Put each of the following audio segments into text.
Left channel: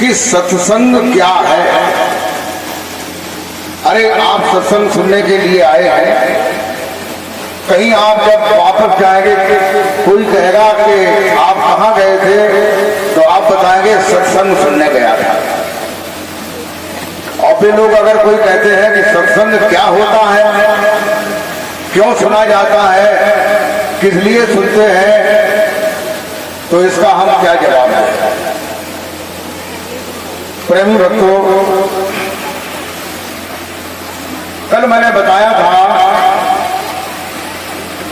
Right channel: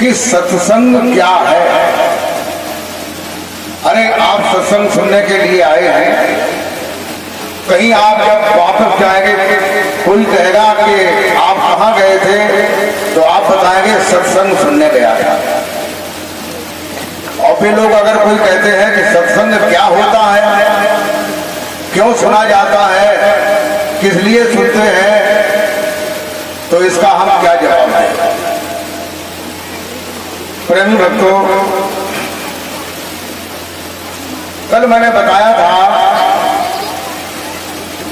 कि सत्संग क्या है। अरे आप सत्संग सुनने के लिए आए हैं, कहीं आप जब वापस जाएंगे कोई कहेगा कि आप कहाँ गए थे, तो आप बताएंगे सत्संग सुनने गया था। और फिर लोग अगर कोई कहते हैं कि सत्संग क्या होता है, क्यों सुना जाता है, किस लिए सुनते हैं, तो इसका हम क्या जवाब दें। प्रेमी भक्तों, कल मैंने बताया था,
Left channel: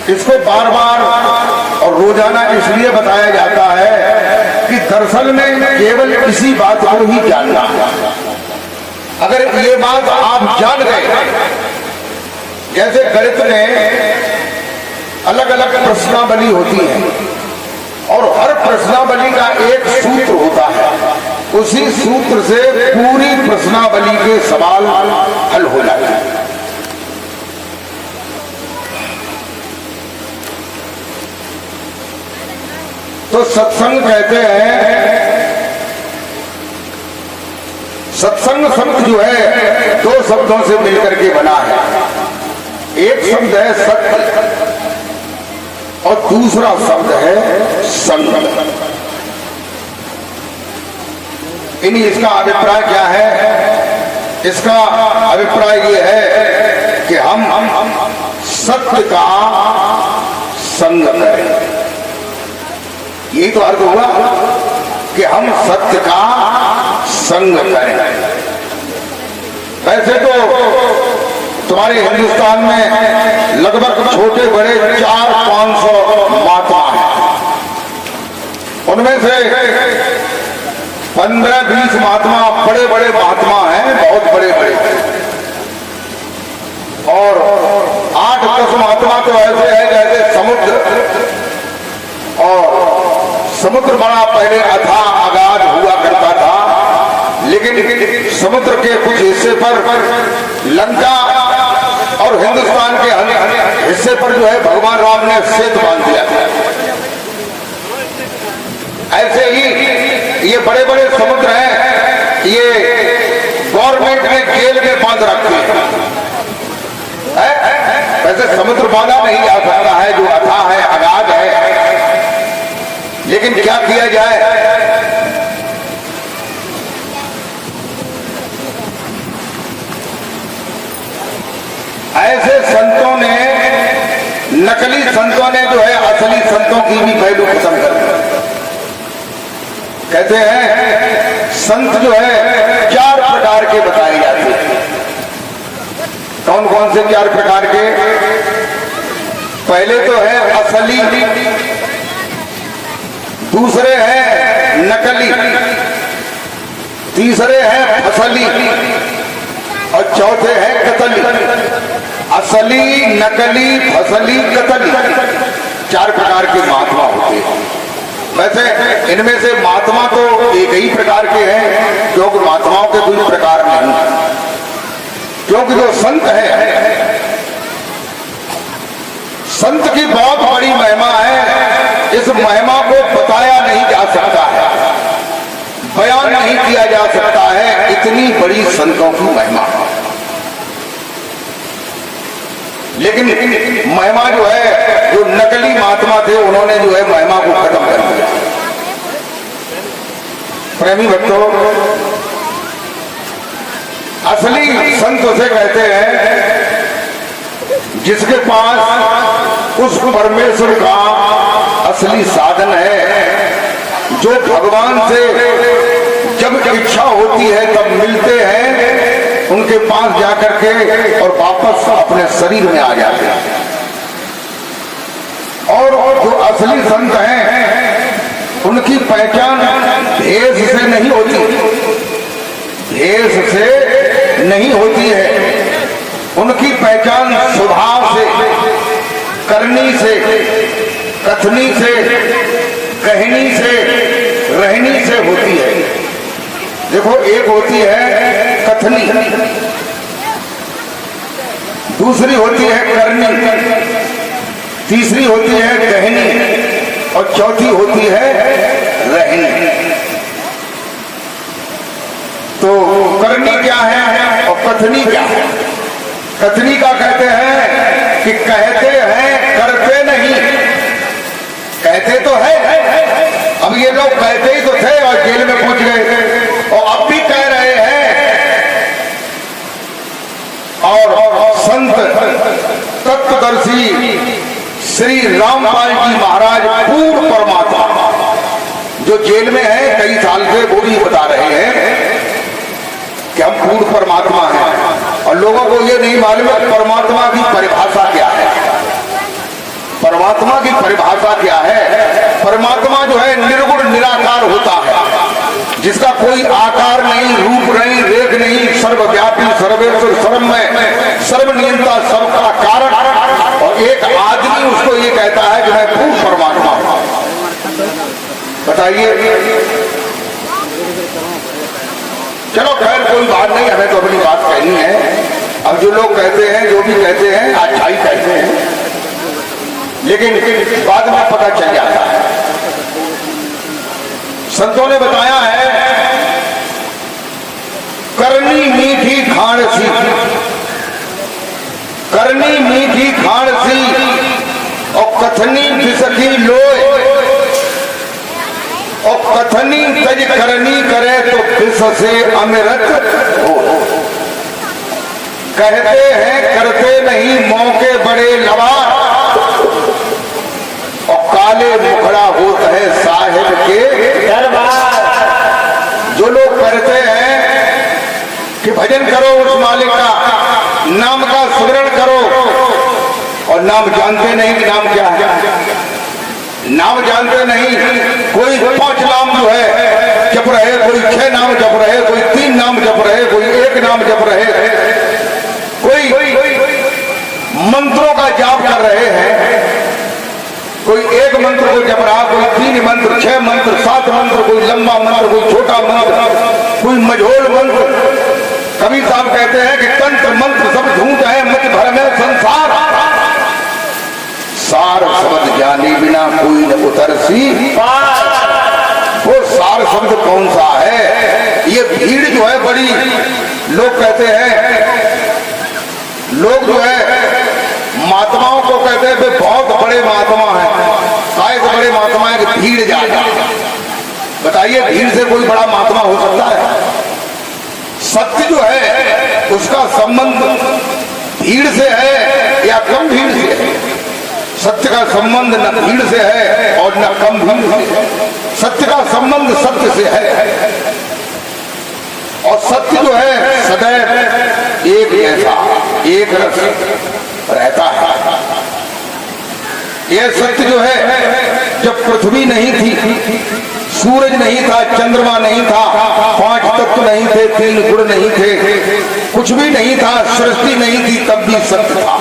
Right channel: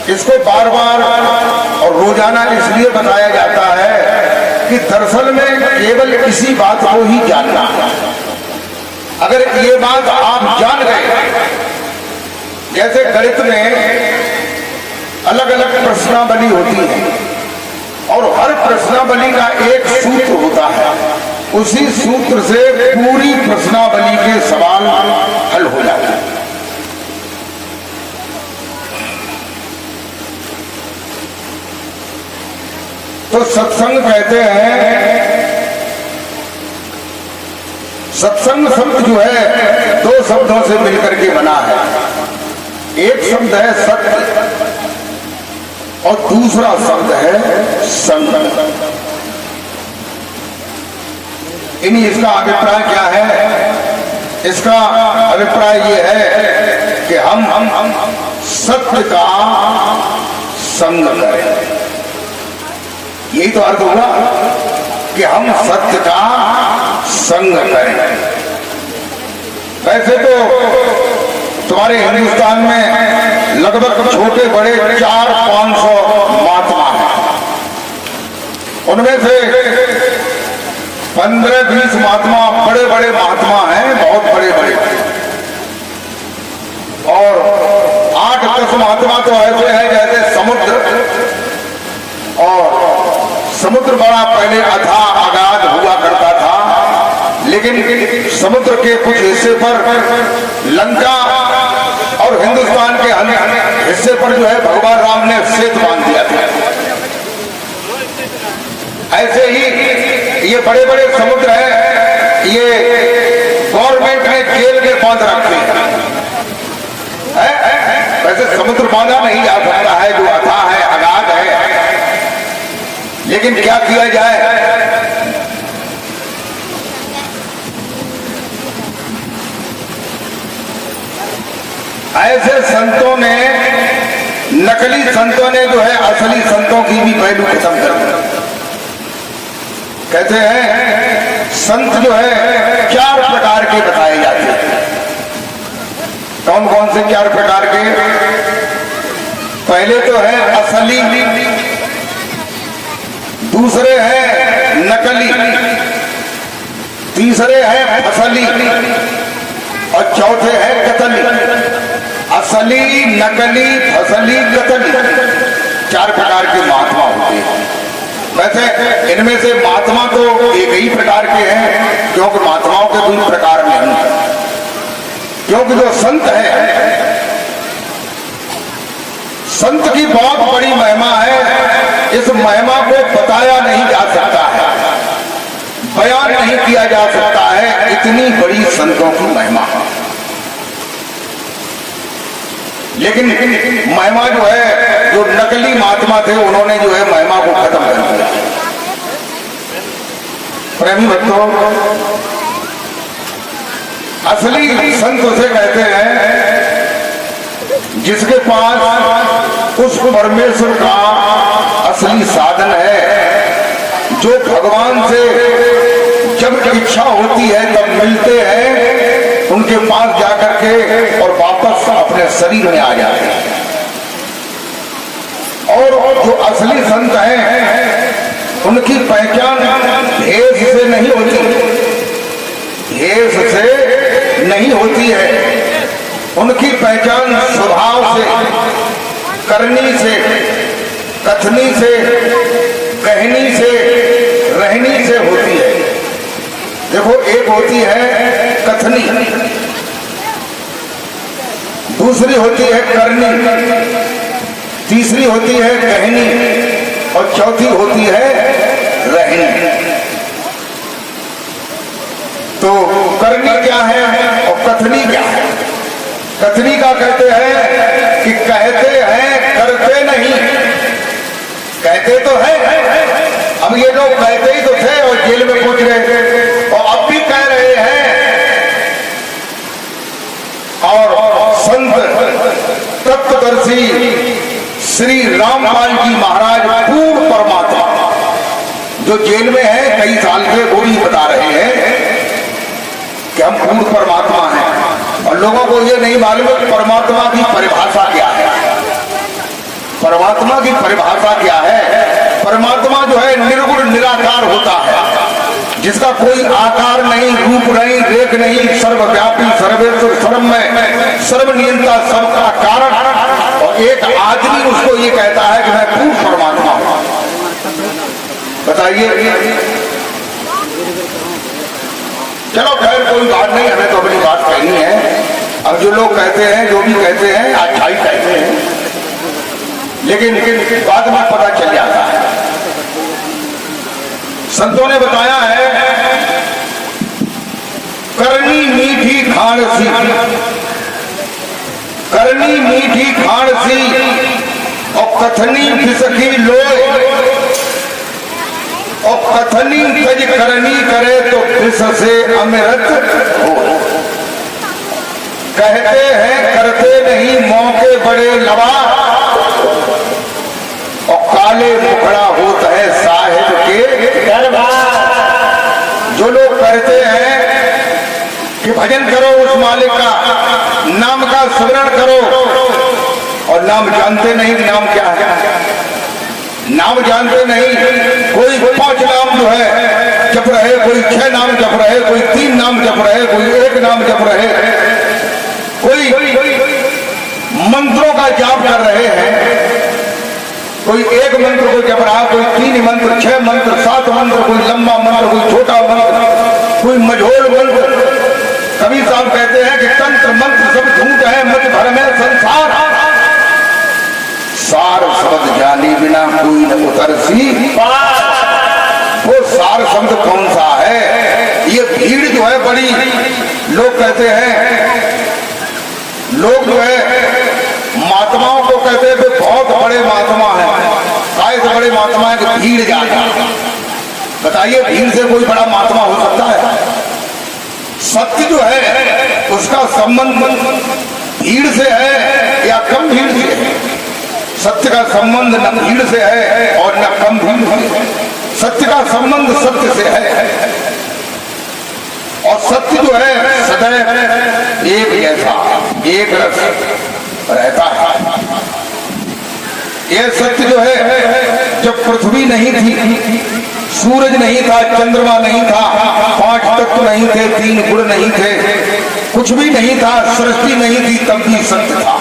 इसको बार बार और रोजाना इसलिए बताया जाता है कि दरअसल में केवल इसी बात को ही जानना। अगर ये बात आप जान गए, जैसे गणित में अलग अलग प्रश्नावली होती है और हर प्रश्नावली का एक सूत्र होता है, उसी सूत्र से पूरी प्रश्नावली के सवाल हल हो जाते हैं। तो सत्संग कहते हैं, सत्संग शब्द जो है दो शब्दों से मिलकर के बना है। एक शब्द है सत्य और दूसरा शब्द है संग। इसका अभिप्राय क्या है? इसका अभिप्राय ये है कि हम सत्य का संग करें। यही तो अर्थ हुआ कि हम सत्य का संग करें। वैसे तो तुम्हारे हिंदुस्तान में लगभग छोटे बड़े 400-500 महात्मा हैं। उनमें से 15-20 महात्मा बड़े बड़े महात्मा हैं, बहुत बड़े बड़े, और 8-10 महात्मा तो ऐसे हैं जैसे समुद्र। और समुद्र बड़ा पहले अथाह अगाध हुआ करता था, लेकिन समुद्र के कुछ हिस्से पर लंका और हिंदुस्तान के अन्य हिस्से पर जो है भगवान राम ने सेतु बांध दिया था। ऐसे ही ये बड़े बड़े समुद्र हैं, ये गवर्नमेंट ने जेल के बांध रखे हैं। वैसे समुद्र बांधा नहीं जा सकता है, जो अथाह है, अगाध है, लेकिन क्या किया जाए। ऐसे संतों ने, नकली संतों ने जो है असली संतों की भी पहलू खत्म कर दिया। कहते हैं संत जो है 4 प्रकार के बताए जाते हैं। कौन कौन से 4 प्रकार के? पहले तो है असली, दूसरे हैं नकली, तीसरे हैं फसली और चौथे हैं कतली। असली, नकली, फसली, कतली, 4 प्रकार के महात्मा होते हैं। वैसे इनमें से महात्मा तो एक ही प्रकार के हैं, क्योंकि महात्माओं के कोई प्रकार नहीं, क्योंकि जो संत है, संत की बहुत बड़ी महिमा है। इस महिमा को बताया नहीं जा सकता है, बयान नहीं किया जा सकता है, इतनी बड़ी संतों की महिमा। लेकिन महिमा जो है, जो नकली महात्मा थे उन्होंने जो है महिमा को खत्म कर दिया। प्रेमी भक्तों, असली संत उसे कहते हैं जिसके पास उस परमेश्वर का असली साधन है, जो भगवान से जब इच्छा होती है तब मिलते हैं, उनके पास जाकर के और वापस अपने शरीर में आ जाते हैं। और जो असली संत हैं उनकी पहचान भेष से नहीं होती, भेष से नहीं होती है। उनकी पहचान स्वभाव से, करनी से, कथनी से, कहनी से, रहनी से होती है। देखो, एक होती है कथनी, दूसरी होती है करनी, तीसरी होती है कहनी और चौथी होती है रहनी। तो करनी क्या है और कथनी क्या है? कथनी का कहते हैं कि कहते हैं करते नहीं। कहते तो है, अब ये लोग कहते ही तो थे और जेल में पहुंच गए और अब भी कह रहे हैं। और संत तत्वदर्शी श्री रामपाल जी महाराज पूर्ण परमात्मा जो जेल में है कई साल से, वो भी बता रहे हैं कि हम पूर्ण परमात्मा हैं। और लोगों को ये नहीं मालूम है परमात्मा की परिभाषा क्या है। परमात्मा की परिभाषा क्या है? परमात्मा जो है निर्गुण निराकार होता है, जिसका कोई आकार नहीं, रूप नहीं, रेख नहीं, सर्वव्यापी, सर्वेश्वर, सर्वमय, सर्वनियंता, सबका कारण। और एक आदमी उसको ये कहता है कि मैं पूर्ण परमात्मा हूं। बताइए। चलो खैर कोई बात नहीं, हमें तो अपनी बात कहनी है। अब जो लोग कहते हैं, जो भी कहते हैं, अच्छा ही कहते हैं, लेकिन बाद में पता चल जाता है। संतों ने बताया है करनी मीठी खाण सी, करनी मीठी खाण सी और कथनी बिसकी लोय, और कथनी तज करनी करे तो बिस से अमृत हो। कहते हैं करते नहीं मौके बड़े लवार, और काले मुखड़ा होता है साहिब के दरबार। जो लोग कहते हैं कि भजन करो उस मालिक का, नाम का स्मरण करो, और नाम जानते नहीं कि नाम क्या है। नाम जानते नहीं, कोई 5 नाम जो है जप रहे, कोई 6 नाम जप रहे, कोई 3 नाम जप रहे, कोई 1 नाम जप रहे, कोई मंत्रों का जाप कर रहे हैं। कोई 1 मंत्र को जप रहा, कोई 3 मंत्र, 6 मंत्र, 7 मंत्र, कोई लंबा मंत्र, कोई छोटा मंत्र, कोई मझोल मंत्र। कबीर साहब कहते हैं कि तंत्र मंत्र सब झूठ है, मत भर में संसार। सार शब्द जानी बिना कोई न उतरसी पार। वो सार शब्द कौन सा है? ये भीड़ जो है बड़ी, लोग कहते हैं, लोग जो है महात्माओं को कहते हैं बहुत बड़े महात्मा हैं। काय से बड़े महात्मा है कि भीड़ ज्यादा। बताइए भीड़ से कोई बड़ा महात्मा हो सकता है? सत्य जो है उसका संबंध भीड़ से है या कम भीड़ से है? सत्य का संबंध न भीड़ से है और न कम भीड़ से। सत्य का संबंध सत्य से है, और सत्य जो है सदैव एक जैसा, एक रस रहता है। यह सत्य जो है, जब पृथ्वी नहीं थी, सूरज नहीं था, चंद्रमा नहीं था, 5 तत्व नहीं थे, 3 गुण नहीं थे, कुछ भी नहीं था, सृष्टि नहीं थी, तब भी सत्य था।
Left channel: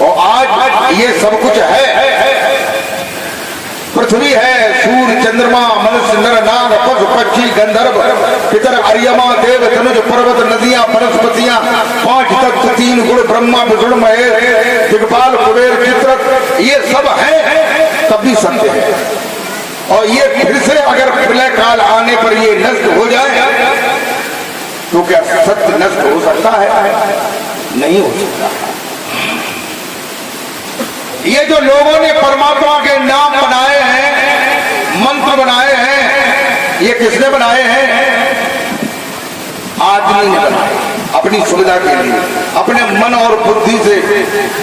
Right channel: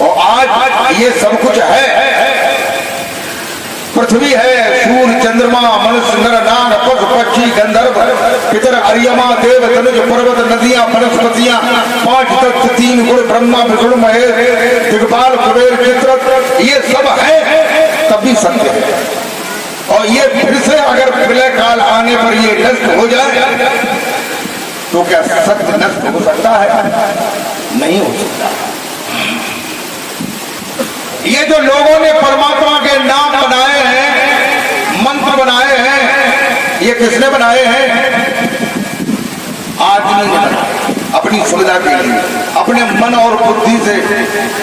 और आज ये सब कुछ है। पृथ्वी है, सूर्य, चंद्रमा, मनुष्य, नर, नाग, पशु, पक्षी, गंधर्व, पितर, अर्यमा, देव, धनुष, पर्वत, नदियां, वनस्पतियां, 5 तत्व, 3 गुण, ब्रह्मा, विष्णु, महेश, दिग्पाल, कुबेर, चित्रक, ये सब है, तब भी सत्य है। और ये फिर से अगर प्रलय काल आने पर ये नष्ट हो जाए तो क्या सत्य नष्ट हो सकता है? नहीं हो सकता। ये जो लोगों ने परमात्मा के नाम बनाए हैं, मंत्र बनाए हैं, ये किसने बनाए हैं? आदमी ने बनाए, अपनी सुविधा के लिए, अपने मन और बुद्धि से।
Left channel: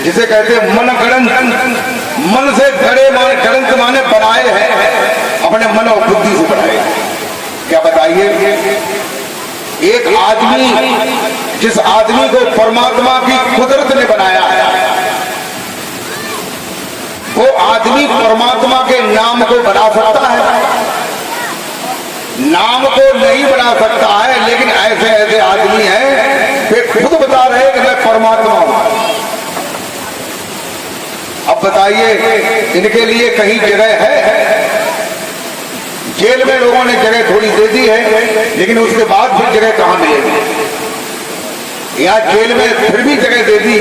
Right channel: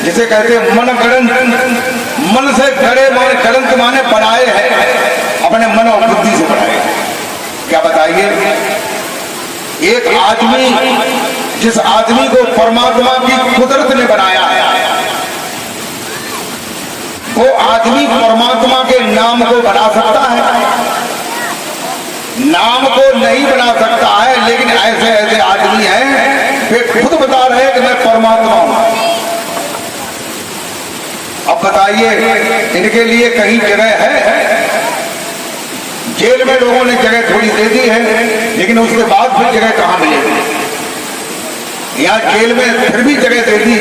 जिसे कहते हैं मन गणंत, मन से गड़े माने, गणंत माने बनाए हैं, अपने मन और बुद्धि से बनाए हैं। क्या बताइए? एक आदमी, जिस आदमी को परमात्मा की कुदरत ने बनाया है, वो आदमी परमात्मा के नाम को बना सकता है? नाम को नहीं बना सकता है। लेकिन ऐसे ऐसे आदमी हैं वे खुद बता रहे हैं कि मैं परमात्मा हूं। अब बताइए इनके लिए कहीं जगह है? जेल में लोगों ने जगह थोड़ी दे दी है, लेकिन उसके बाद फिर जगह कहां मिलेगी? यहाँ जेल में फिर भी जगह दे दी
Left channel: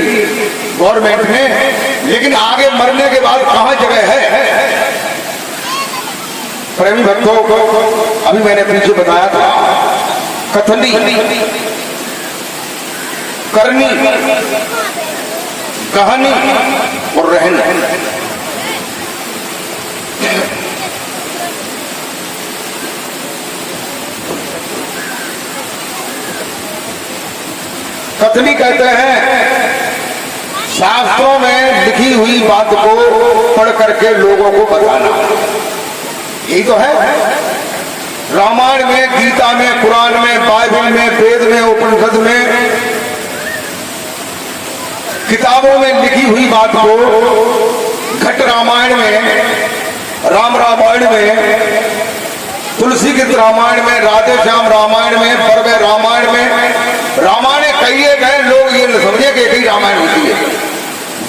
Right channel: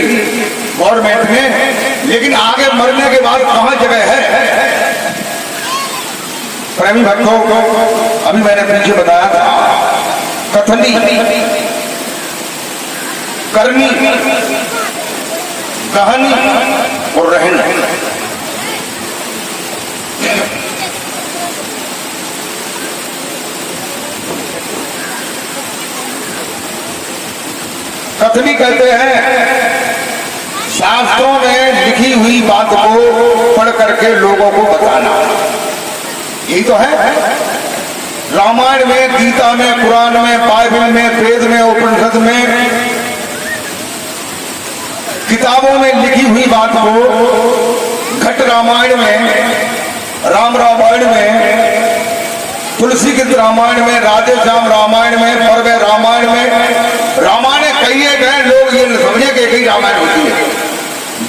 गवर्नमेंट ने, लेकिन आगे मरने के बाद कहां जगह है? प्रेमी भक्तों, अभी मैंने पीछे बताया था कथनी, करनी, कहानी और रहनी। कथनी कहते हैं शास्त्रों में लिखी हुई बात को पढ़ करके लोगों को बताना, यही तो है। रामायण में, गीता में, कुरान में, बाइबल में, वेद में, उपनिषद में, किताबों में लिखी हुई बात को घट रामायण में, राम रामायण में, तुलसी के रामायण में, राधे श्याम रामायण में, पर्व रामायण में, रामायण कई एक है, लोग ये न समझे कि एक ही रामायण होती है।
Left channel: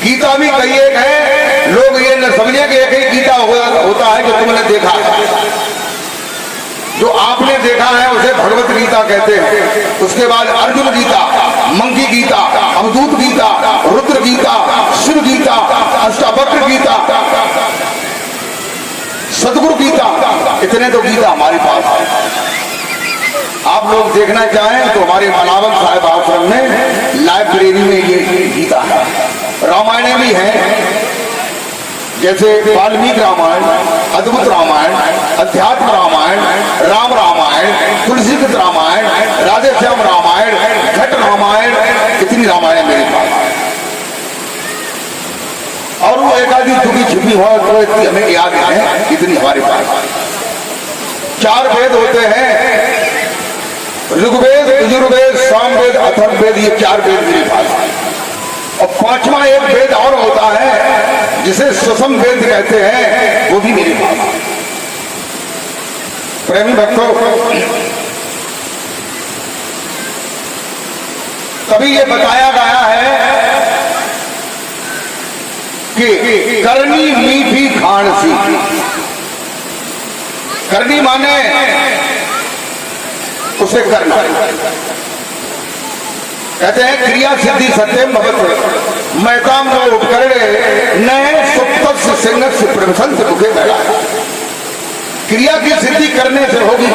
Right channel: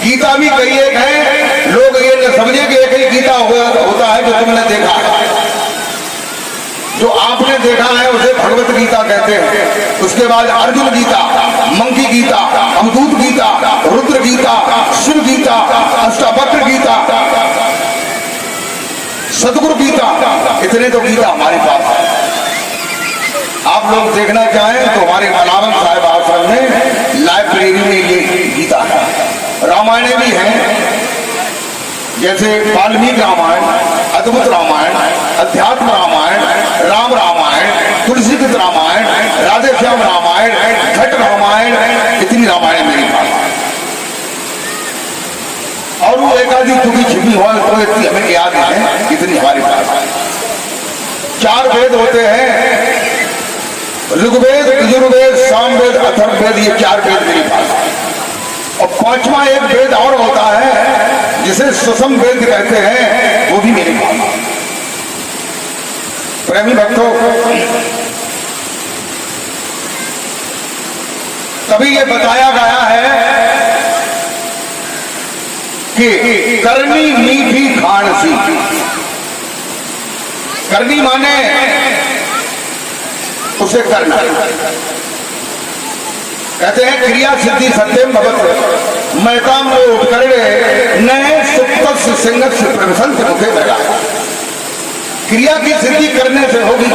गीता भी कई एक है, लोग ये न समझे कि एक ही गीता होता है जो तुमने देखा है। जो आपने देखा है उसे भगवत गीता कहते हैं। उसके बाद अर्जुन गीता, मंकी गीता, अवधूत गीता, रुद्र गीता, शिव गीता, अष्टावक्र गीता, सतगुरु गीता, इतने तो गीता हमारे पास है। आप लोग देखना चाहें तो हमारे मलावन साहिब आश्रम में लाइब्रेरी में ये गीता है। रामायण भी है, जैसे वाल्मीकि रामायण, अद्भुत रामायण, अध्यात्म रामायण, राम रामायण, तुलसी के रामायण, राधे श्याम रामायण, घट रामायण, इतनी रामायण मेरे पास। और वो एकाधी टुकी छिपी हुआ तो इतनी हमें याद है, इतनी हमारे पास। 4 वेद होते हैं, ऋग्वेद, यजुर्वेद, सामवेद, अथर्ववेद, ये 4 वेद मेरे पास। और 5वां एक वेद और होता है जिसे सुषम वेद कहते हैं, वो भी मेरे पास। प्रेमी भक्तों, कभी ये बताया गया है कि करनी मीठी खान सी। करनी माने उसे करना। कहते हैं क्रिया सिद्धि सत्यम भगत मैताम को उपकरणे नए सुप्त सिंह से प्रवसंत मुखे पहला। क्रिया की सिद्धि करने से होगी,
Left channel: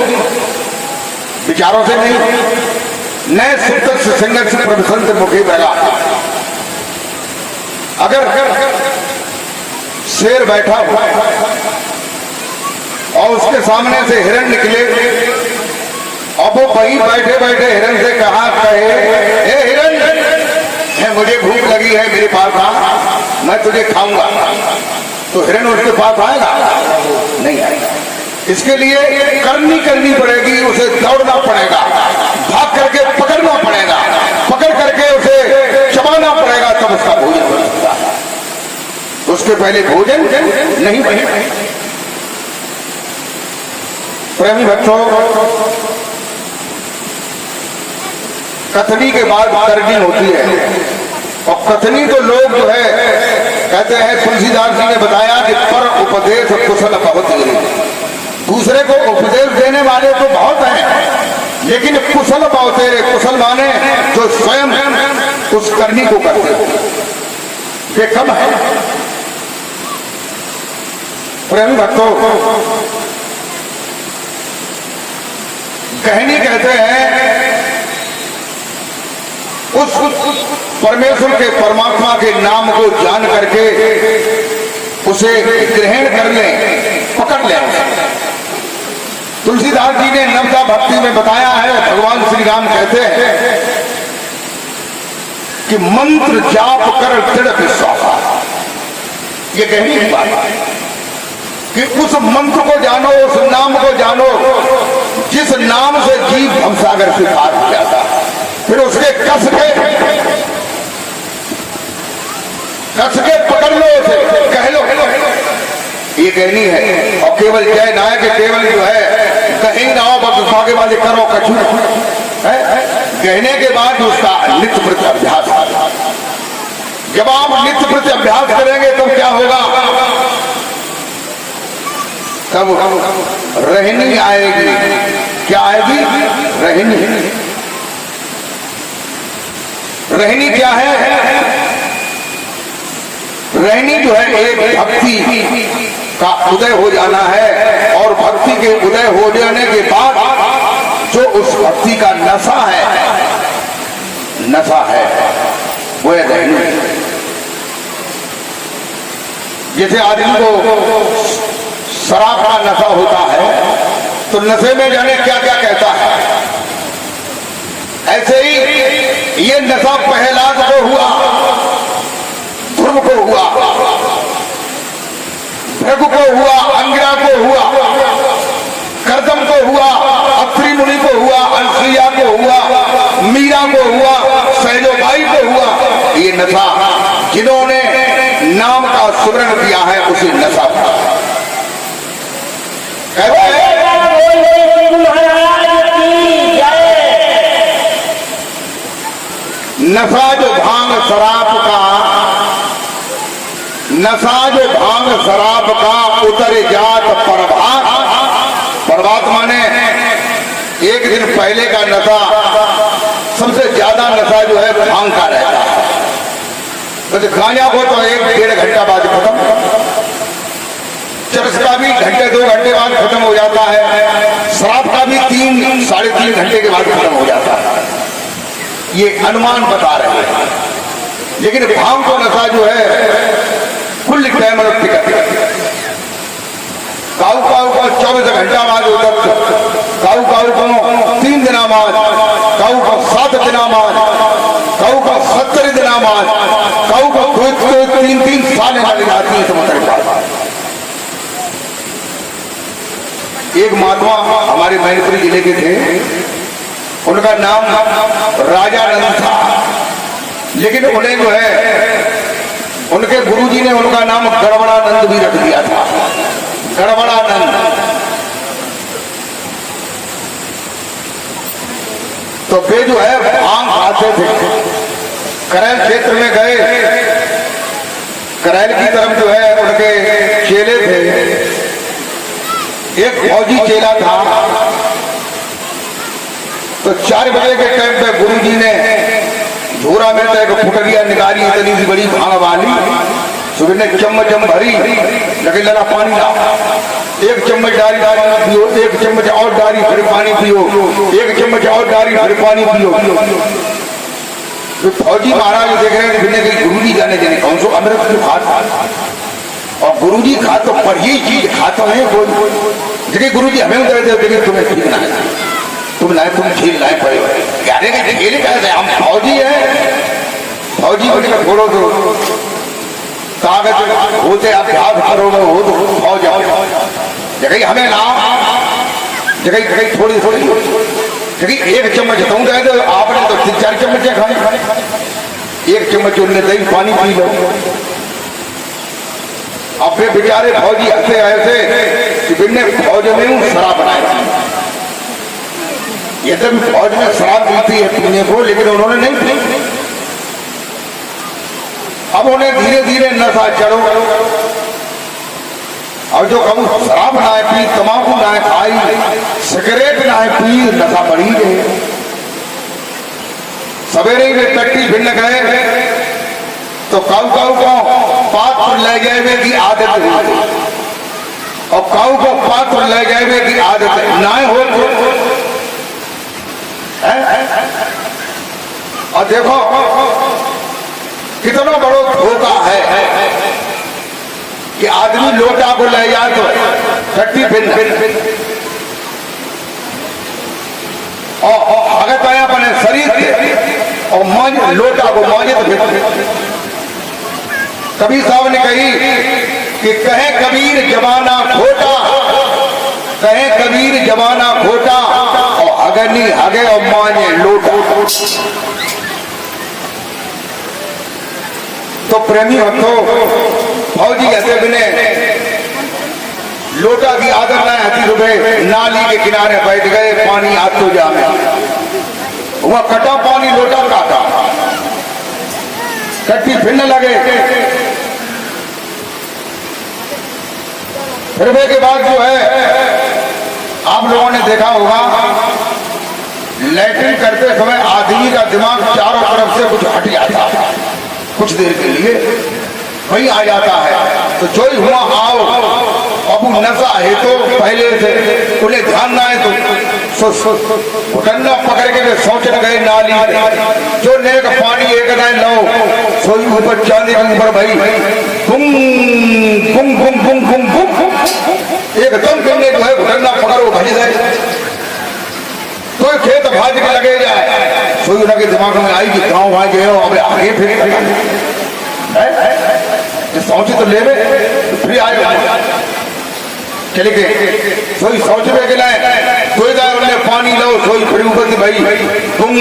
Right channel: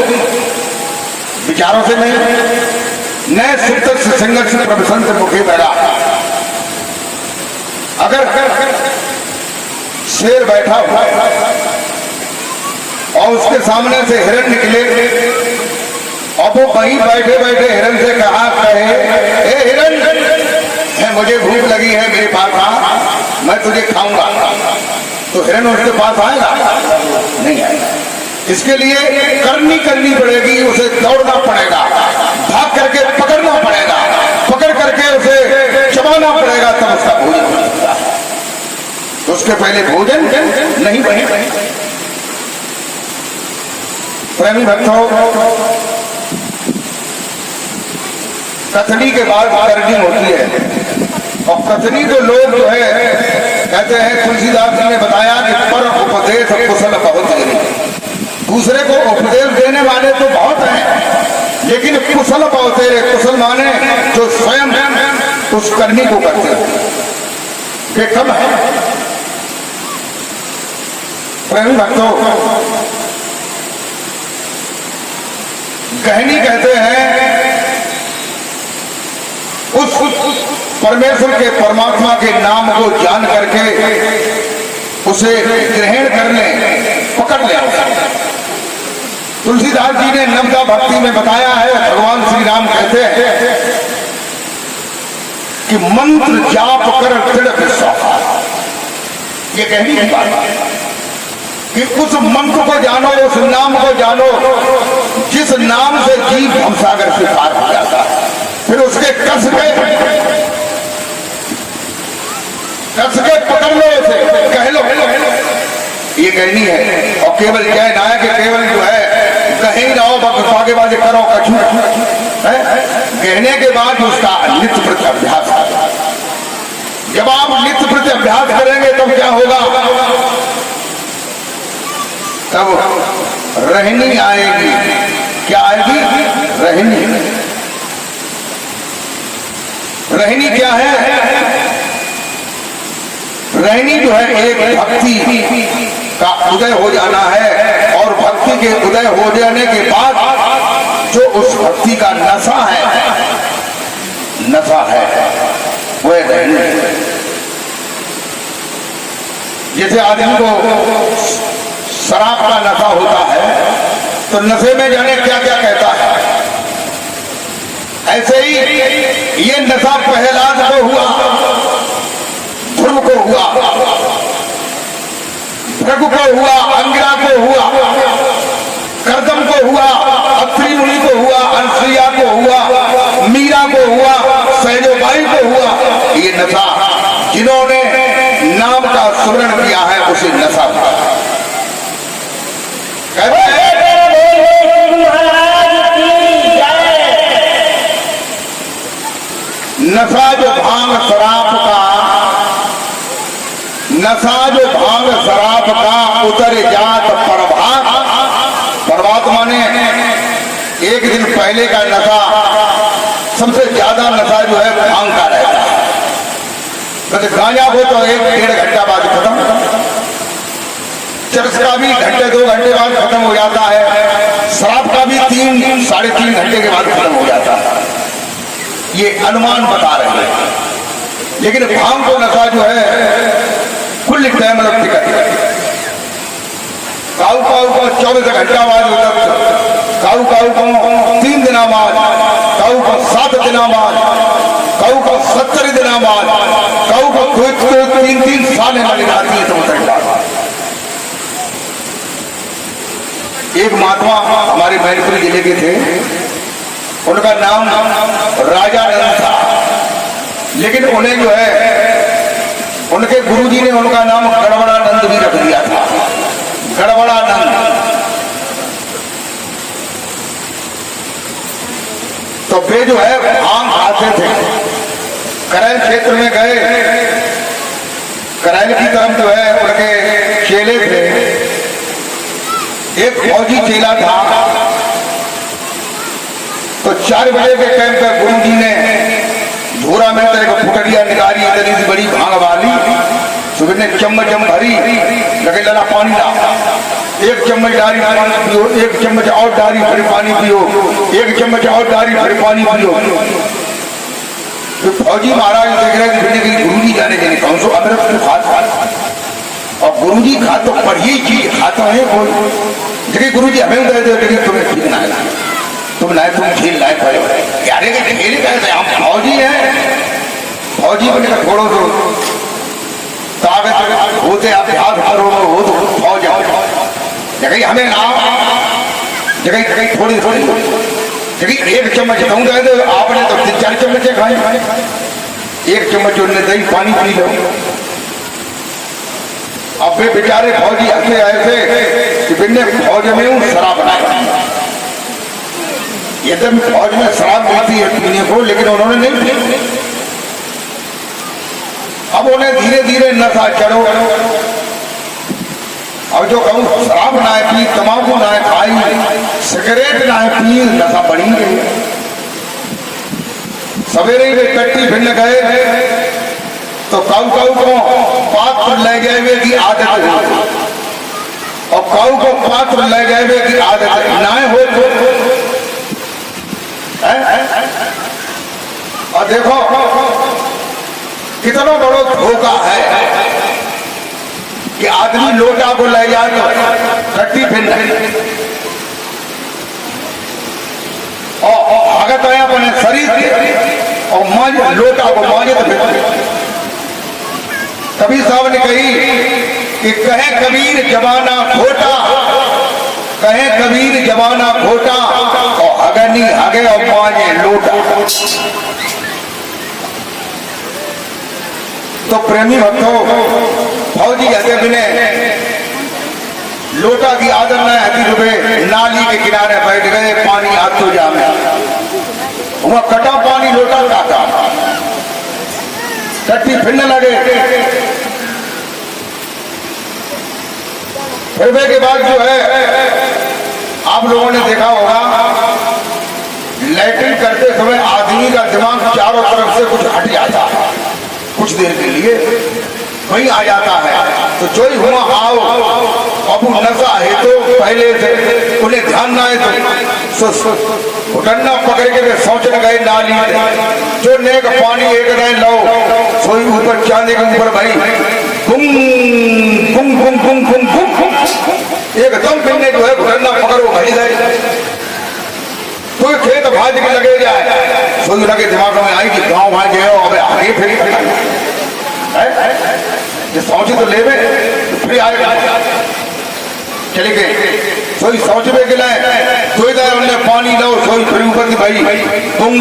विचारों से नहीं। नए सुप्त सिंह से प्रवसंत मुखे पहला। अगर शेर बैठा हुआ और उसके सामने से हिरण निकले और वो वहीं बैठे बैठे हिरण से कहा कहे, हे हिरण, मुझे भूख लगी है, मेरे पास आ, मैं तुझे खाऊंगा, तो हिरण उसके पास आएगा? नहीं आएगा। इसके लिए करनी पड़ेगी, उसे दौड़ना पड़ेगा, भाग करके पकड़ना पड़ेगा, पकड़ करके उसे चबाना पड़ेगा, तब उसका भोजन हो सकता है। उसके पहले भोजन नहीं बने। प्रेमी भक्तों, कथनी के बाद करनी होती है। और कथनी तो लोग जो है कहते हैं, तुलसीदास जी ने बताया कि पर उपदेश कुशल बहुत है। दूसरे को उपदेश देने वाले तो बहुत हैं, लेकिन कुशल बहुत है। कुशल माने जो स्वयं उस करनी को करते हैं, कम है। प्रेमी भक्तों, कहनी कहते हैं उस परमेश्वर के, परमात्मा के नाम को जान करके उसे ग्रहण करने, पकड़ लिया। तुलसीदास जी ने नवदा भक्ति में बताया है, भगवान श्री राम कहते हैं कि मंत्र जाप कर दृढ़ विश्वास। ये कहनी की बात है कि उस मंत्र को जानो, उस नाम को जानो जिस नाम से जीव भवसागर से पार हो जाता है। फिर उसके कस के पकड़ लो, उसे कह लो, ये कहनी है। और केवल जय ना है कि केवल जो है कहीं ना हो, बागे बागे करो कछू है। कहने के बाद उसका नित्य प्रति अभ्यास। जब आप नित्य प्रति अभ्यास करेंगे तब क्या होगा? तब रहनी आएगी। क्या आएगी? रहनी। रहनी क्या है? रहनी जो है एक भक्ति का उदय हो जाना है, और भक्ति के उदय हो जाने के बाद जो उस भक्ति का नशा है, नशा है वो नहीं। जैसे आदमी को शराब का नशा होता है तो नशे में जाने क्या क्या कहता है, ऐसे ही ये नशा प्रहलाद को हुआ, ध्रुव को हुआ, भृगु को हुआ, अंगिरा को हुआ, कर्दम को हुआ, अत्रि मुनि को हुआ, अनसुईया को हुआ, मीरा को हुआ, सैलोबाई को हुआ। ये नशा जिन्होंने नाम का सुमरण किया है उसे नशा था। नशा जो भांग शराब का, नशा जो भांग शराब का उतर जात प्रभात, प्रभात माने एक दिन पहले का नशा, सबसे ज्यादा नशा जो है भांग का रहता है। तो गांजा को तो 1-1.5 घंटा बाद खत्म, चरस का भी घंटे 2 घंटे बाद खत्म हो जाता है, शराब का भी 3-3.5 घंटे के बाद खत्म हो जाता है। ये अनुमान बता रहे हैं, लेकिन भांग को नशा जो है कुल टाइम टिकट, काऊ काऊ को 24 घंटा बाद होता, काऊ काऊ को 3 दिन बाद, काऊ को 7 दिन बाद, काऊ को 70 दिन बाद, काऊ को 3-3 साल लग जाती है। तो एक महात्मा हमारे मैनपुरी जिले के थे, उनका नाम राजानंद था, लेकिन उन्हें जो है उनके गुरुजी ने उनका नाम गड़बड़ानंद भी रख दिया था, गड़बड़ानंद। तो वे जो है भांग खाते थे, करैल क्षेत्र में गए, करैल की तरफ जो है उनके चेले थे, एक फौजी चेला था। तो 4 बजे के टाइम पे गुरुजी ने धूरा में तो एक फुटरिया निकाली, इतनी सी बड़ी भांग वाली, सुबह ने चम्मच भरी, लगे लगा पानी ला, 1 चम्मच डाली पानी पियो, 1 चम्मच और डाली फिर पानी पियो, 1 चम्मच और डाली फिर पानी पियो। तो फौजी महाराज देख रहे थे गुरुजी जाने देंगे कौन सो अमृत को खाता, और गुरुजी खा तो पढ़िए चीज खाता है बोल, देखिए गुरुजी हमें दे दे, तुम्हें ठीक ना है, तुम लाए, तुम खेल लाए पड़े, यारे का खेल कैसे, हम फौजी हैं, फौजी बने छोड़ो तो कागज होते अभ्यास करो हो तो फौज आओ, जगह हमें ना जगह थोड़ी थोड़ी, जगह 1 चम्मच कहूँ जाए तो आपने तो 3-4 चम्मच खाए, 1 चम्मच उनने दही पानी पी लो। अब वे बेचारे फौजी ऐसे ऐसे कि बिन्ने फौज में हूँ शराब बनाई, ये तो फौज में शराब पीती है पीने को, लेकिन उन्होंने नहीं पी। अब उन्हें धीरे धीरे नशा चढ़ो, और जो कहूँ शराब ना पी, तंबाकू ना खाई, सिगरेट ना पी, नशा बढ़ी गई। सवेरे वे कट्टी भिन्न गए तो काऊ काऊ को पात्र ले गए की आदत हुई, और काऊ को पात्र ले गए की आदत ना हो तो और देखो कितना बड़ा धोखा है कि आदमी लोटा को ले जाए तो कट्टी भिन्न, और अगर तो अपने शरीर के और मांझ लोटा को मांझे तो कबीर साहब ने कही कि कहे कबीर जमाना खोटा, कहे कबीर जमाना खोटा, और अगनी हगे और मांझे लोटा। तो प्रेमी भक्तों, फौजी हते बिने लोटा की आदत न हती, रुपए नाली के किनारे बैठ गए, पानी हाथ तो जामे, वह कटा पानी लोटा काटा, कट्टी फिरने लगे। फिरने के बाद जो है आप लोगों ने देखा होगा, लैट्रिन करते समय आदमी का दिमाग चारों तरफ से कुछ हट जाता है, कुछ देर के लिए वही आ जाता है। तो जो ही हुआ आओ, अब नशा है तो पहले से उन्हें ध्यान ना है तो घुटना पकड़ के वे सोचने गए नाली में जो नेक पानी एक दाएं लो सोई ऊपर चांदी के ऊपर भाई गुम गुम गुम गुम गुम गुम एकदम कहीं जो है घुटना पकड़ो भज जाए तो खेत भाज के लगे जाए सोई लगे दिमाग में आई कि गाँव वहां गए अब आगे फिर सोचे तो ले फिर आए चले गए सोई सोच में गिला सोई जाए उन्हें पानी लो सोई फिर ऊपर की भाई गुम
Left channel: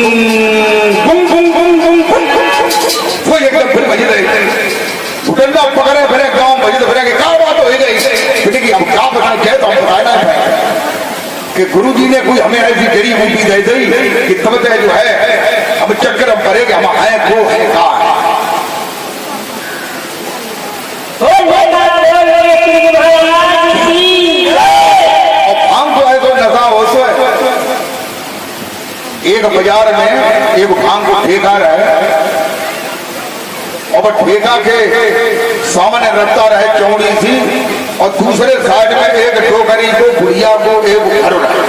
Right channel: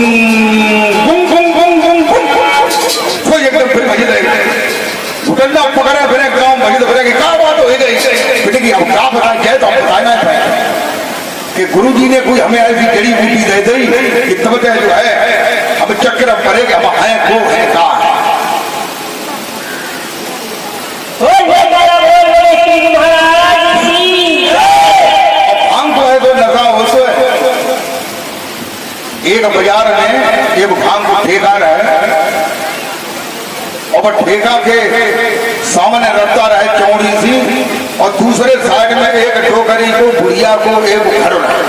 गुम गुम गुम गुम गुम सोई एकदम फिर भज जाए घुटना पकड़े फिर गाँव भज फिर क्या बात हो गई बेटे की अब क्या बताएं क्या तो हम बताना है कि गुरु जी ने कोई हमें ऐसी जड़ी बूटी दे दी कि तब जो है अब चक्कर हम करेंगे हम आए को है कहा एक बाजार में एक भांग को ठेका रहे और ठेका के सामने रखता रहे चौड़ी सी और दूसरे साइड में एक टोकरी को बुढ़िया को एक घर रहे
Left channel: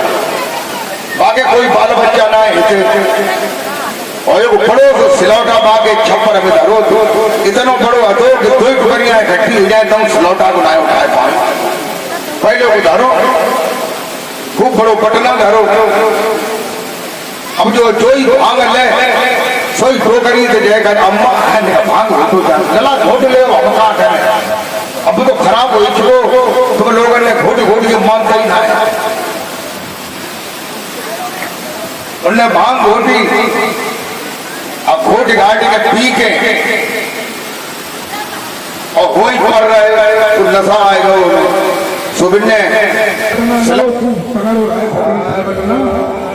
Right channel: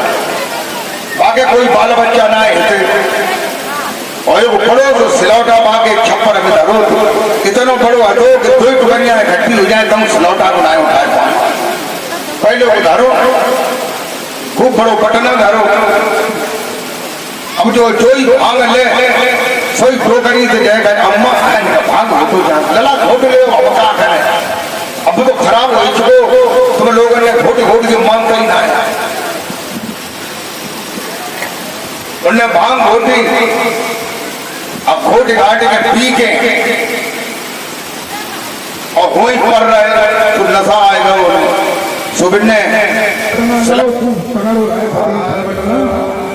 बाकी कोई बाल बच्चा ना है और एक बड़ो सिलौटा बाके छप्पर में धरो इतना बड़ो हटो कि दो टुकड़ियां इकट्ठी हो जाए तुम सिलौटा को ना उठाए पाए पहले को धरो खूब बड़ो पटना धरो अब जो जोई भांग ले सोई टोकरी से जाएगा अम्मा भांग हाथों जा लला घोट ले हम क्या करें अब तो खराब हो चुको तुम लोगों ने घोट घोट के मांग कही ना उन्हें भांग घोटी अब घोट घाट में पी के और हो ही पड़ रहे तो नशा आएगा सुबिन ने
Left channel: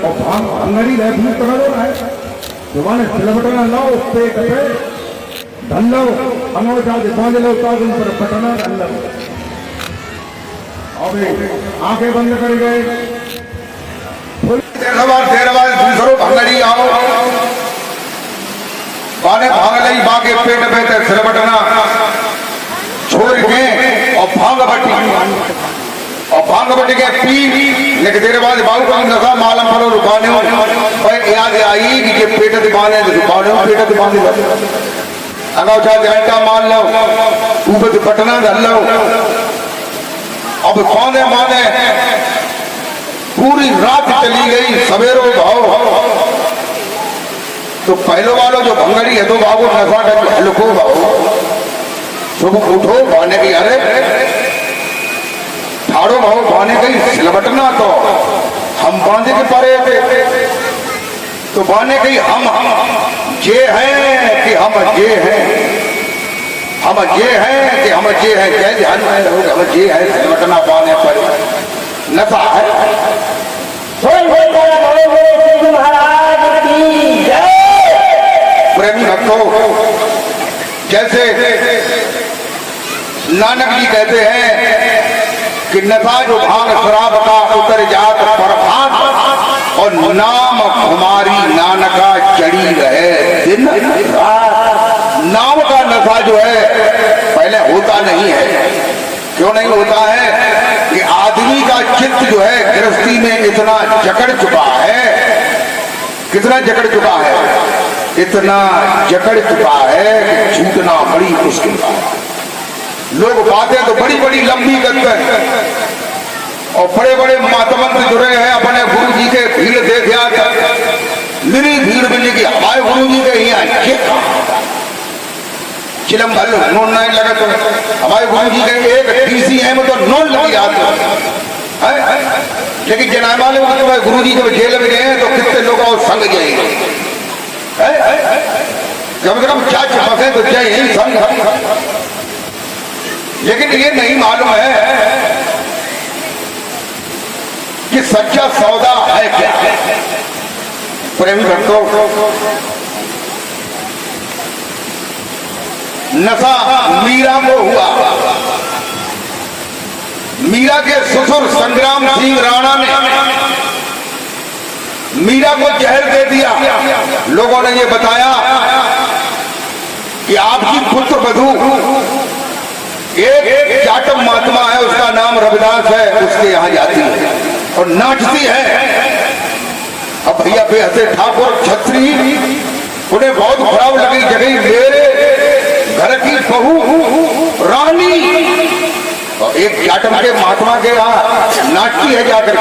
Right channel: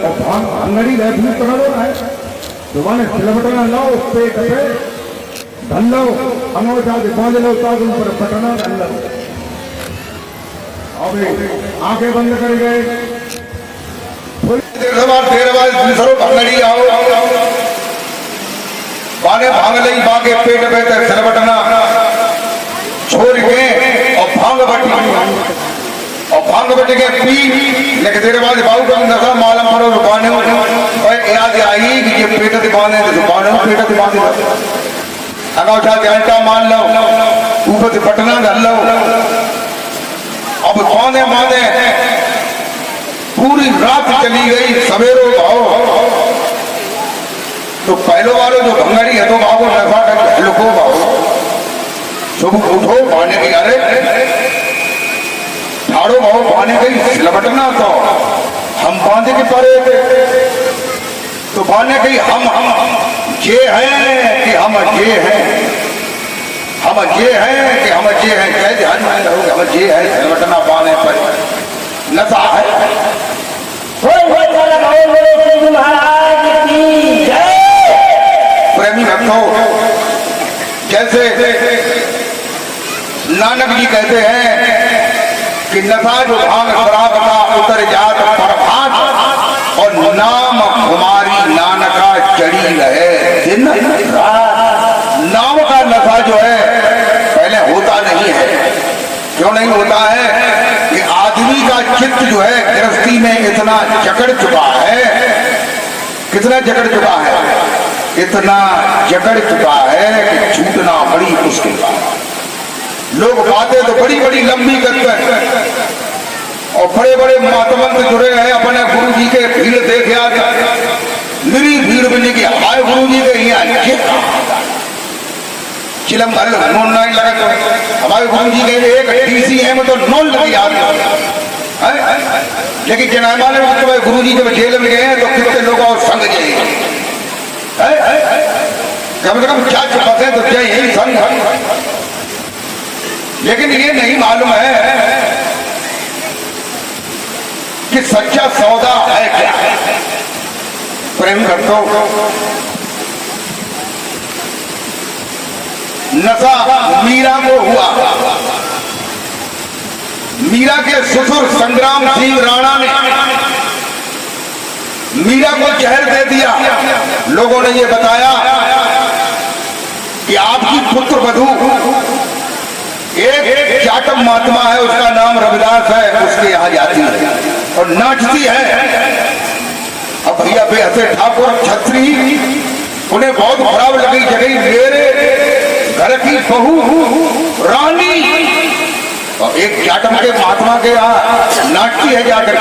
और भांग अंगड़ी रहे भूत पकड़ो रहा है जुबान सिलबटना लो पेट पे ढल लो अनोटा के बांध लो ताकि ऊपर पटना ढल लो अब आंखें बंद कर गए फिर दूसरों भंगड़ी आओ बाने भांग ली बाके पेट पे सिलबटना छोड़ के और भांग बटी और भांग बट के पी लेकिन तेरे बाद बाबू को नशा मालूम पड़ो रुकाने और याद आई कि ये पेट दिखाने रुकाने पेट दिखाने अगर उठा जैसा मान लो ऊपर से पटना डाल लो अब माने माने पूरी रात चली गई सवेरो भाव तो पहले वालों जो भंगड़ी है तो बाबू नशा कर लुको भाव सुबह उठो भाने की अरे ठाड़ो भाव भाने गई सिलबटना तो हम बांधे के परे थे तो बाने गई हम जे हैं कि हम जे हैं हम जे हैं कि हम जे हैं क्या ध्यान में रहोगे हम जे है सिलबटना बाने पर नशा है प्रेमी भक्तों जैसे नानक जी कहते हैं कि नशा जो भांग शराब का उतर जात प्रभात और नाम हमारी नानका चढ़ी रहे दिन नाम का नशा जो है पहले होता नहीं है क्यों नहीं होता है कि आदमी का चित्त जो है गृहस्थी में इतना जकड़ चुका है कितना जकड़ चुका है इतना जकड़ चुका है कि छूटना बड़ी मुश्किल है लोग बातें तो बड़ी बड़ी लंबी करते हैं और बड़े बड़े महात्मंत जुड़े हैं अपने गुरु जी के भीड़ देख आते मेरी भीड़ मिली कि हमारे गुरु जी के यहाँ ये चिलम भल नोन नहीं लगा तो हमारे गुरु जी के एक DCM तो नोन लगी आते लेकिन जनामा ने गुरु जी जब जेल में गए हैं तो कितने लोग और संग जाएंगे जब क्या बसे तो जय ही संग लेकिन ये नहीं मालूम है कि सच्चा सौदा है क्या प्रेम भक्तों नशा मीरा को हुआ मीरा के ससुर संग्राम सिंह राणा ने मीरा को जहर दे दिया लोगों ने ये बताया कि आपकी पुत्र वधू एक जाटम महात्मा है उसका नाम रविदास है उसके यहाँ जाती है और नाचती है भैया बेहते ठाकुर छत्री उन्हें बहुत खराब लगी जगह मेरे घर की बहू रानी और एक जाटम के महात्मा के यहाँ नाटकी है जाकर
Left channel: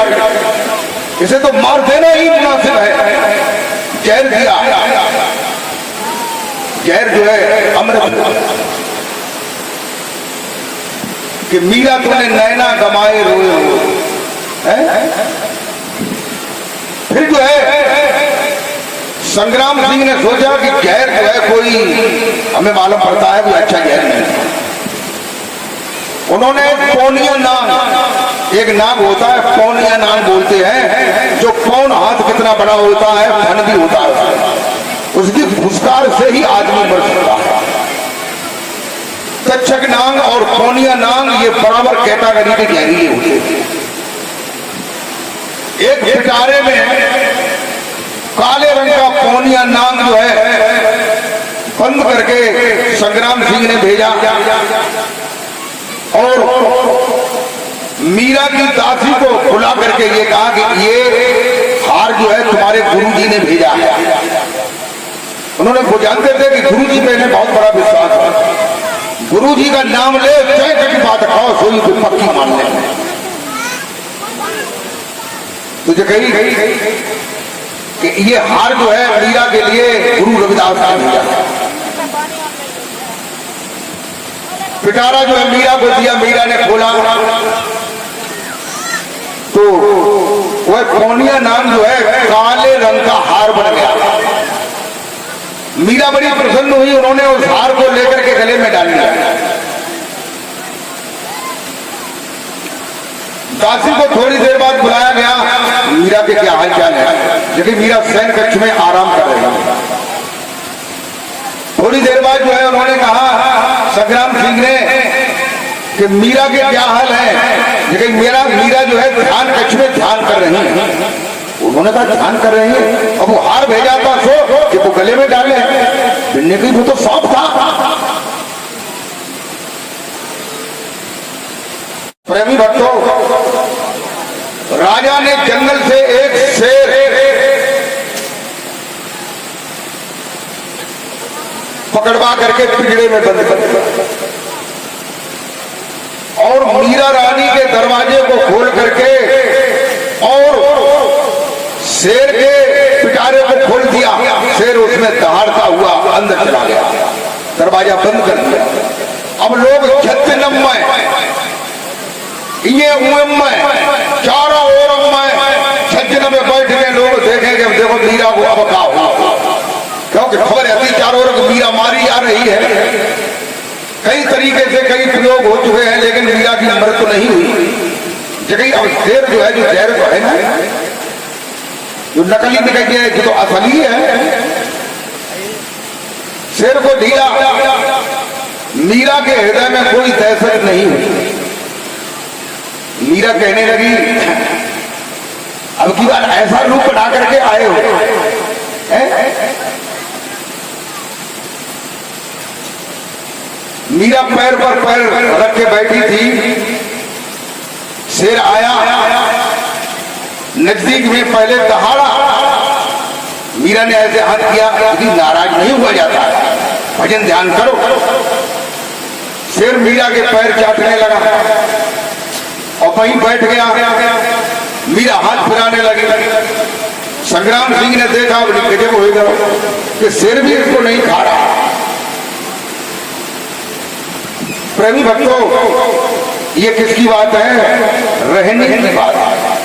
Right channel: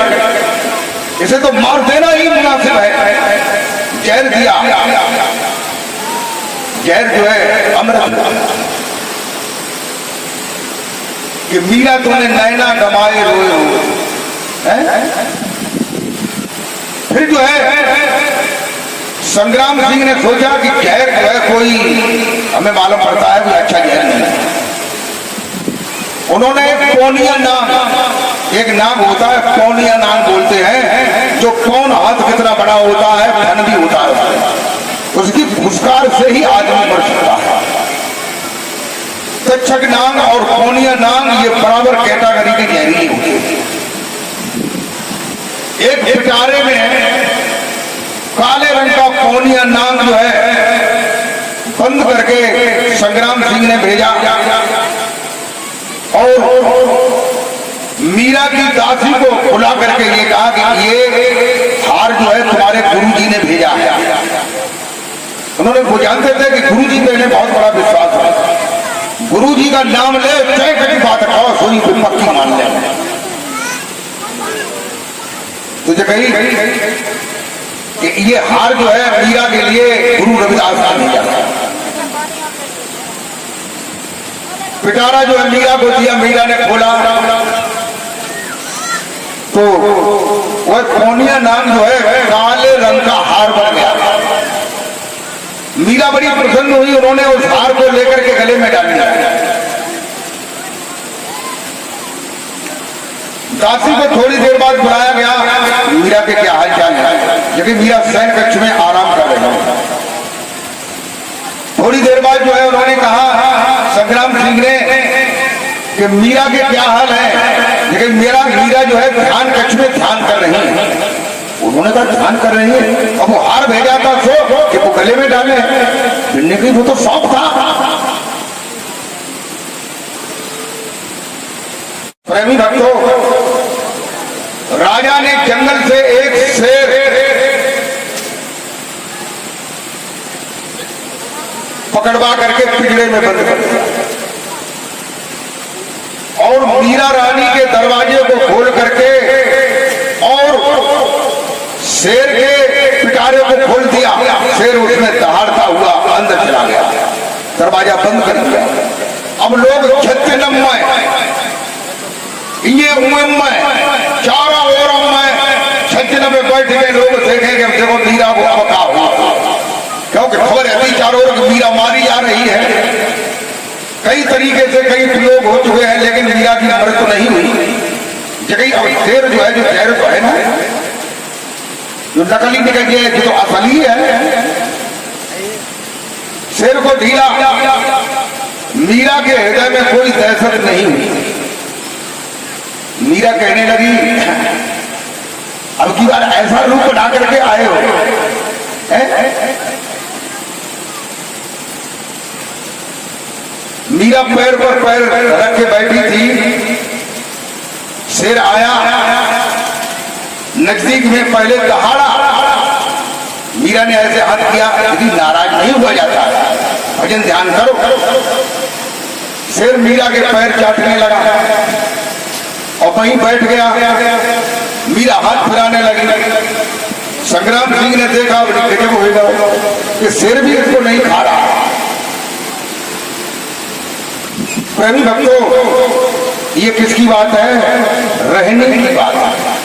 इसे तो मार देना ही मुनासिब है। जहर दिया, जहर जो है अमृत कि मीरा तूने नैना गमाए रोए रोए। फिर जो है संग्राम सिंह ने सोचा कि जहर जो है कोई हमें मालूम पड़ता है कि अच्छा जहर नहीं। उन्होंने पौनिया नाग, एक नाग होता है पौनिया नाग बोलते हैं, जो कौन हाथ कितना बड़ा होता है फन भी होता है, उसकी फुसकार से ही आदमी मर सकता है। तक्षक नाग और पौनिया नाग ये बराबर कैटेगरी के जहरीले होते हैं। एक पिटारे में काले रंग का पौनिया नाग जो है बंद करके संग्राम सिंह ने भेजा और मीरा की दासी को बुला करके ये कहा कि ये हार जो है तुम्हारे गुरुजी ने भेजा है। उन्होंने वो जानते थे कि गुरुजी पे इन्हें बहुत बड़ा विश्वास है, गुरुजी का नाम ले चाहे कभी बात खाओ सोई को पक्की मान ले। तुझे कही कि ये हार जो है मीरा के लिए गुरु रविदास का भेजा। पिटारा जो है मीरा को दिया, मीरा ने खोला तो वह पौनिया नाम जो है काले रंग का हार बन गया। मीरा बड़ी प्रसन्न हुई, उन्होंने उस हार को लेकर के गले में डाल दिया। दासी को थोड़ी देर बाद बुलाया गया, मीरा के क्या हाल चाल है, क्योंकि मीरा शयन कक्ष में आराम कर रही है। थोड़ी देर बाद जो है उन्होंने कहा संग्राम सिंह ने कि मीरा के क्या हाल है, लेकिन मीरा जो है ध्यान कक्ष में ध्यान कर रही है। उन्होंने कहा ध्यान कर रही है, अब वो हार भेजा था सो कि वो गले में डाले, बिन्ने की वो तो सांप था। प्रेमी भक्तों, राजा ने जंगल से एक शेर पकड़वा करके पिंजरे में बंद कर दिया और मीरा रानी के दरवाजे को खोल करके और शेर के पिटारे को खोल दिया। शेर उसमें दहाड़ता हुआ अंदर चला गया, दरवाजा बंद कर दिया। अब लोग छत्तीनम्मय ये उम्मय चारों ओर छत्तीन में बैठ गए लोग देखेंगे, देखो मीरा को अब क्या हुआ, क्योंकि खबर ऐसी चारों ओर मीरा मारी जा रही है। कई तरीके से कई प्रयोग हो चुके हैं, लेकिन मीरा की मृत्यु नहीं हुई। जगह अब शेर जो है, जो जहर तो है ना, जो नकली निकल गया, जो तो असली है, शेर को ढीला। मीरा के हृदय में कोई दहशत नहीं हुई। मीरा कहने लगी अब की बार ऐसा रूप बना करके आए हो, मीरा पैर पर पैर रख के बैठी थी। शेर आया नजदीक में, पहले दहाड़ा। मीरा ने ऐसे हाथ किया कि नाराज नहीं हुआ जाता, भजन ध्यान करो। शेर मीरा के पैर चाटने लगा और वहीं बैठ गया। मीरा हाथ फिराने लगी। संग्राम सिंह ने देखा गजब होगा कि शेर भी इसको नहीं खा रहा। प्रेमी भक्तों, ये किसकी बात है? रहने की बात है।